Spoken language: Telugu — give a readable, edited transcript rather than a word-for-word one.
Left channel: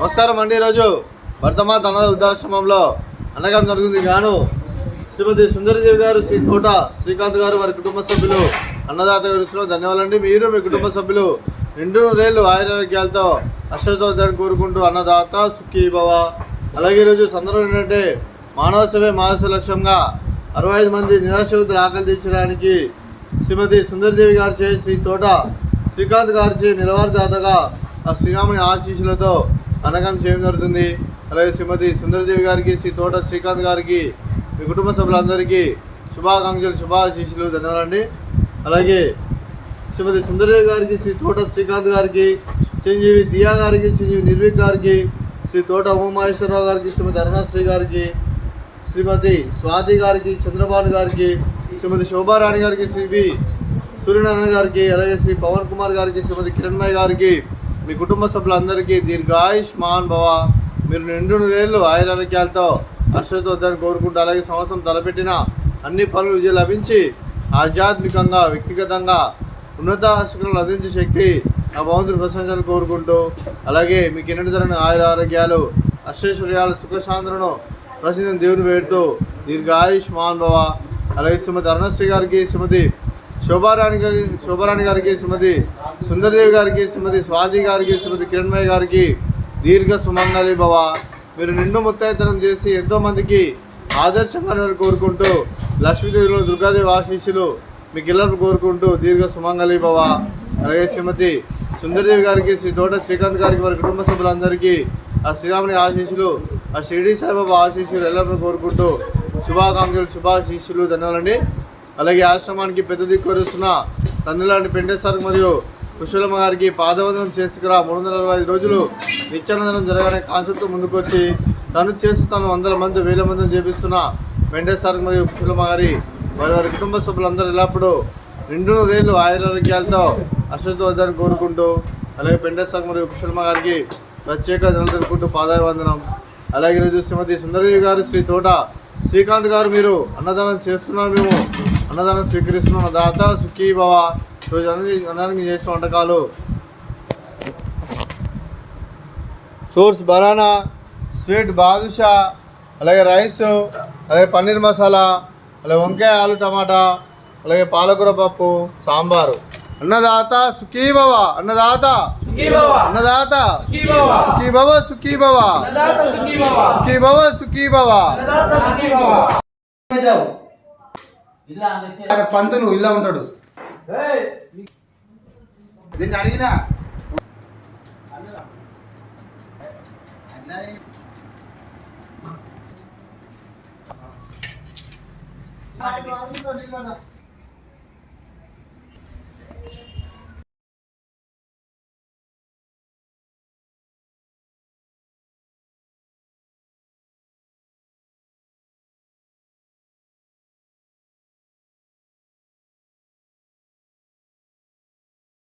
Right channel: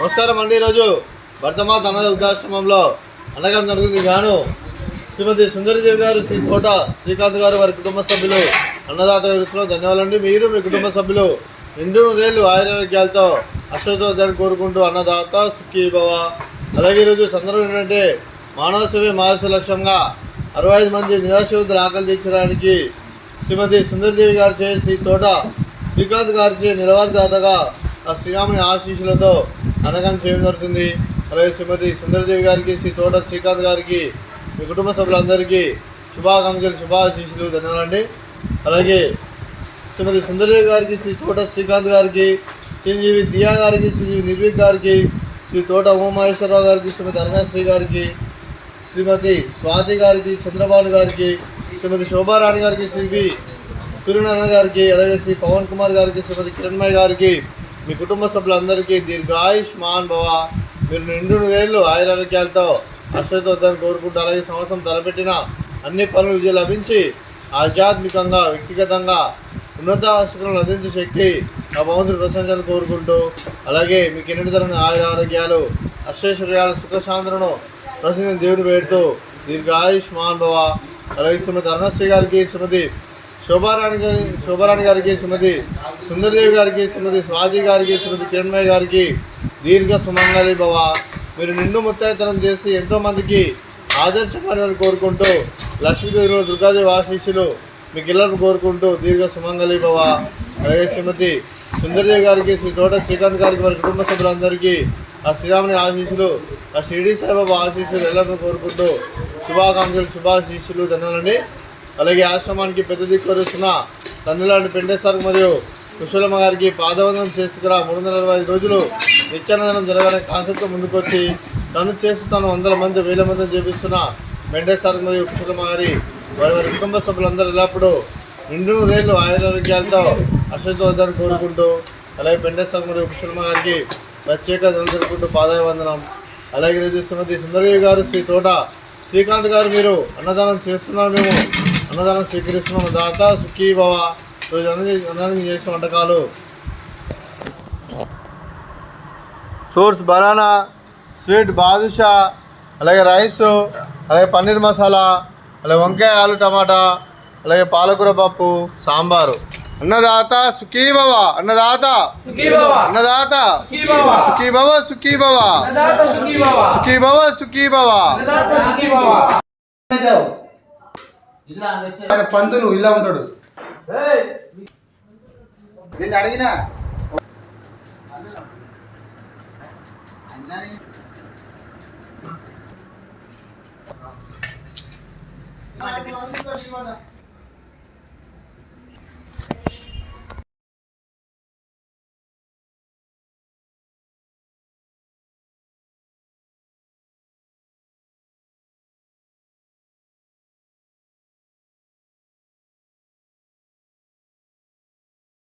నమస్కారం అండి. ఈరోజు భరతమాత అనాథ వృద్ధాశ్రమంలో అన్నదానం జరుగుతుంది. గాను శ్రీమతి సుందరదేవి గారు, శ్రీ తోట శ్రీకాంత్ గారు, వారి కుటుంబ సభ్యులు అన్నదాత విషయంలో ధన్యవాదాలండి. మీరు మీ కుటుంబ సభ్యులు నిండు రేళ్ళు ఆయురారోగ్యాలతో అశ్వతోద్యాన్ని కోరుకుంటూ అన్నదాత సుఖీ భవ. అలాగే ఈరోజు సందర్భం ఏంటంటే మానవ సేవే మహాసేవ లక్ష్యంగా 65 మంది నిరాశ్రయుతులు ఆకలి తీర్చడానికి శ్రీమతి సుందరదేవి గారిచే, శ్రీ తోట శ్రీకాంత్ గారిచే నిలవారిదాతగా శ్రీరాముని ఆశీస్సులతో అన్నదానం చేయడం జరుగుతుంది. అలాగే శ్రీమతి సుందరదేవి గారికి, శ్రీ తోట శ్రీకాంత్ గారికి, మీ కుటుంబ సభ్యులందరికీ శుభాకాంక్షలు, శుభాశీస్సులు, ధన్యవాదాలండి. అలాగే శ్రీమతి సుందరదేవి గారికి, శ్రీ తోట శ్రీకాంత్ గారికి, చిరంజీవి దియా గారికి, చిరంజీవి నిర్విక్ గారికి, శ్రీ తోట ఉమామహేశ్వరరావు గారికి, శ్రీమతి అరుణశ్రీ గారికి, శ్రీమతి స్వాతి గారికి, చంద్రబాబు గారికి, శ్రీమతి శోభారాణి గారికి, శ్రీ వి సూర్యనారాయణ గారికి, అలాగే శ్రీ పవన్ కుమార్ గారికి, శ్రీమతి కిరణ్మయ్య గారికి, మీ కుటుంబ సభ్యులందరికీ దీర్ఘాయుష్మాన్ భవ. మీరు నిండు రేళ్ళు ఆయురారోగ్యాలతో అశ్వతోద్యాన్ని కోరుకుంటూ, అలాగే సంవత్సరం తలపెట్టిన అన్ని పనులు విజయం లభించి ఆధ్యాత్మికంగా, వ్యక్తిగతంగా ఉన్నత శిఖరాలు అందించే శక్తి ఆ భగవంతుని ప్రశంసలు కోరుకుంటూ, అలాగే మీకు ఎన్నటి తరని ఆయురారోగ్యాలు, అష్టైశ్వర్యాలు, సుఖశాంతులను ప్రసిద్ధి దేవుని వేడుతూ దీర్ఘాయుష్మాన్ భవ. అలాగే శ్రీమతి అరుణశ్రీ గారికి, శ్రీమతి శోభారాణి గారికి, శ్రీమతి సుందరదేవి గారికి, శ్రీమతి స్వాతి గారికి, శ్రీమతి కిరణ్మయ్య గారికి దీర్ఘ సుమంగళి భవ. మీరు నిండు ముత్తైతనం చేసి ఎంతోమందికి ఆదర్శంగా కోరుకుంటూ, లక్ష్మీదేవి, దుర్గాదేవి ఆశీస్సులు మీకు ఇళ్లను కోరుకుంటూ దీర్ఘ సుమంగళి భవ. అలాగే శ్రీమతి సుందరదేవి గారికి, శ్రీ తోట శ్రీకాంత్ గారికి, వారి కుటుంబ సభ్యులందరికీ ఆ శ్రీరాముని ఆశీస్సులు, ఆ షిరిడి సాయిబాబా ఆశీస్సులు ఎల్లరూ కోరుకుంటూ శుభాకాంక్షలు, శుభాశీస్సులు, ధన్యవాదాలండి. అలాగే ఆశ్రమానికి పెద్ద దిక్కువరుస్తున్న తండ్రిలాంటి పెండేశ్వర్ మరియు కుశలమ్మ గారికి పాదవందనం చేసుకురా 365 రోజులు నిత్యానందనం జరగాలనే కాన్సెప్ట్తో ముందుకొచ్చి తను చేస్తున్నాను 100 మంది 1000 మందిని చేపిస్తున్న పెండేశ్వర్ మరియు కుశలమ్మ గారి, వారి కుటుంబ సభ్యులందరూ ఎల్లప్పుడూ నిండు రేళ్ళు ఆయురారోగ్యాలతో అశ్వతోద్యాన్ని కోరుకుంటూ, అలాగే పెండేశ్వర్ మరియు కుశలమ్మ గారికి ప్రత్యేక ధనలు జరుపుకుంటూ పాదవందనం. అలాగే ఈరోజు శ్రీమతి సుందరదేవి గారు, శ్రీ తోట శ్రీకాంత్ గారు, మీరు అన్నదానం చేస్తున్నారు, మేము అన్నదానం స్వీకరిస్తున్నాం. దాత సుఖీ భవ. రోజు అన్నదానం చేసిన వంటకాలు ఫ్రూట్స్ బనానా, స్వీట్ బాదుషా, అలాగే రైస్, అలాగే పన్నీర్ మసాలా, అలాగే వంకాయ ఆలు టమాటా, అలాగే పాలకూర పప్పు, సాంబారు. అన్నదాత సుఖీ భవ. అన్నదాత సుఖీ భవ. అన్నదాత సుఖీ భవ. సుఖీ భవ. సుఖీ భవ. సుఖీ భవ. పంతులు ఇలా ఉంటాడు. దీన్ని అడిగినా అన్నని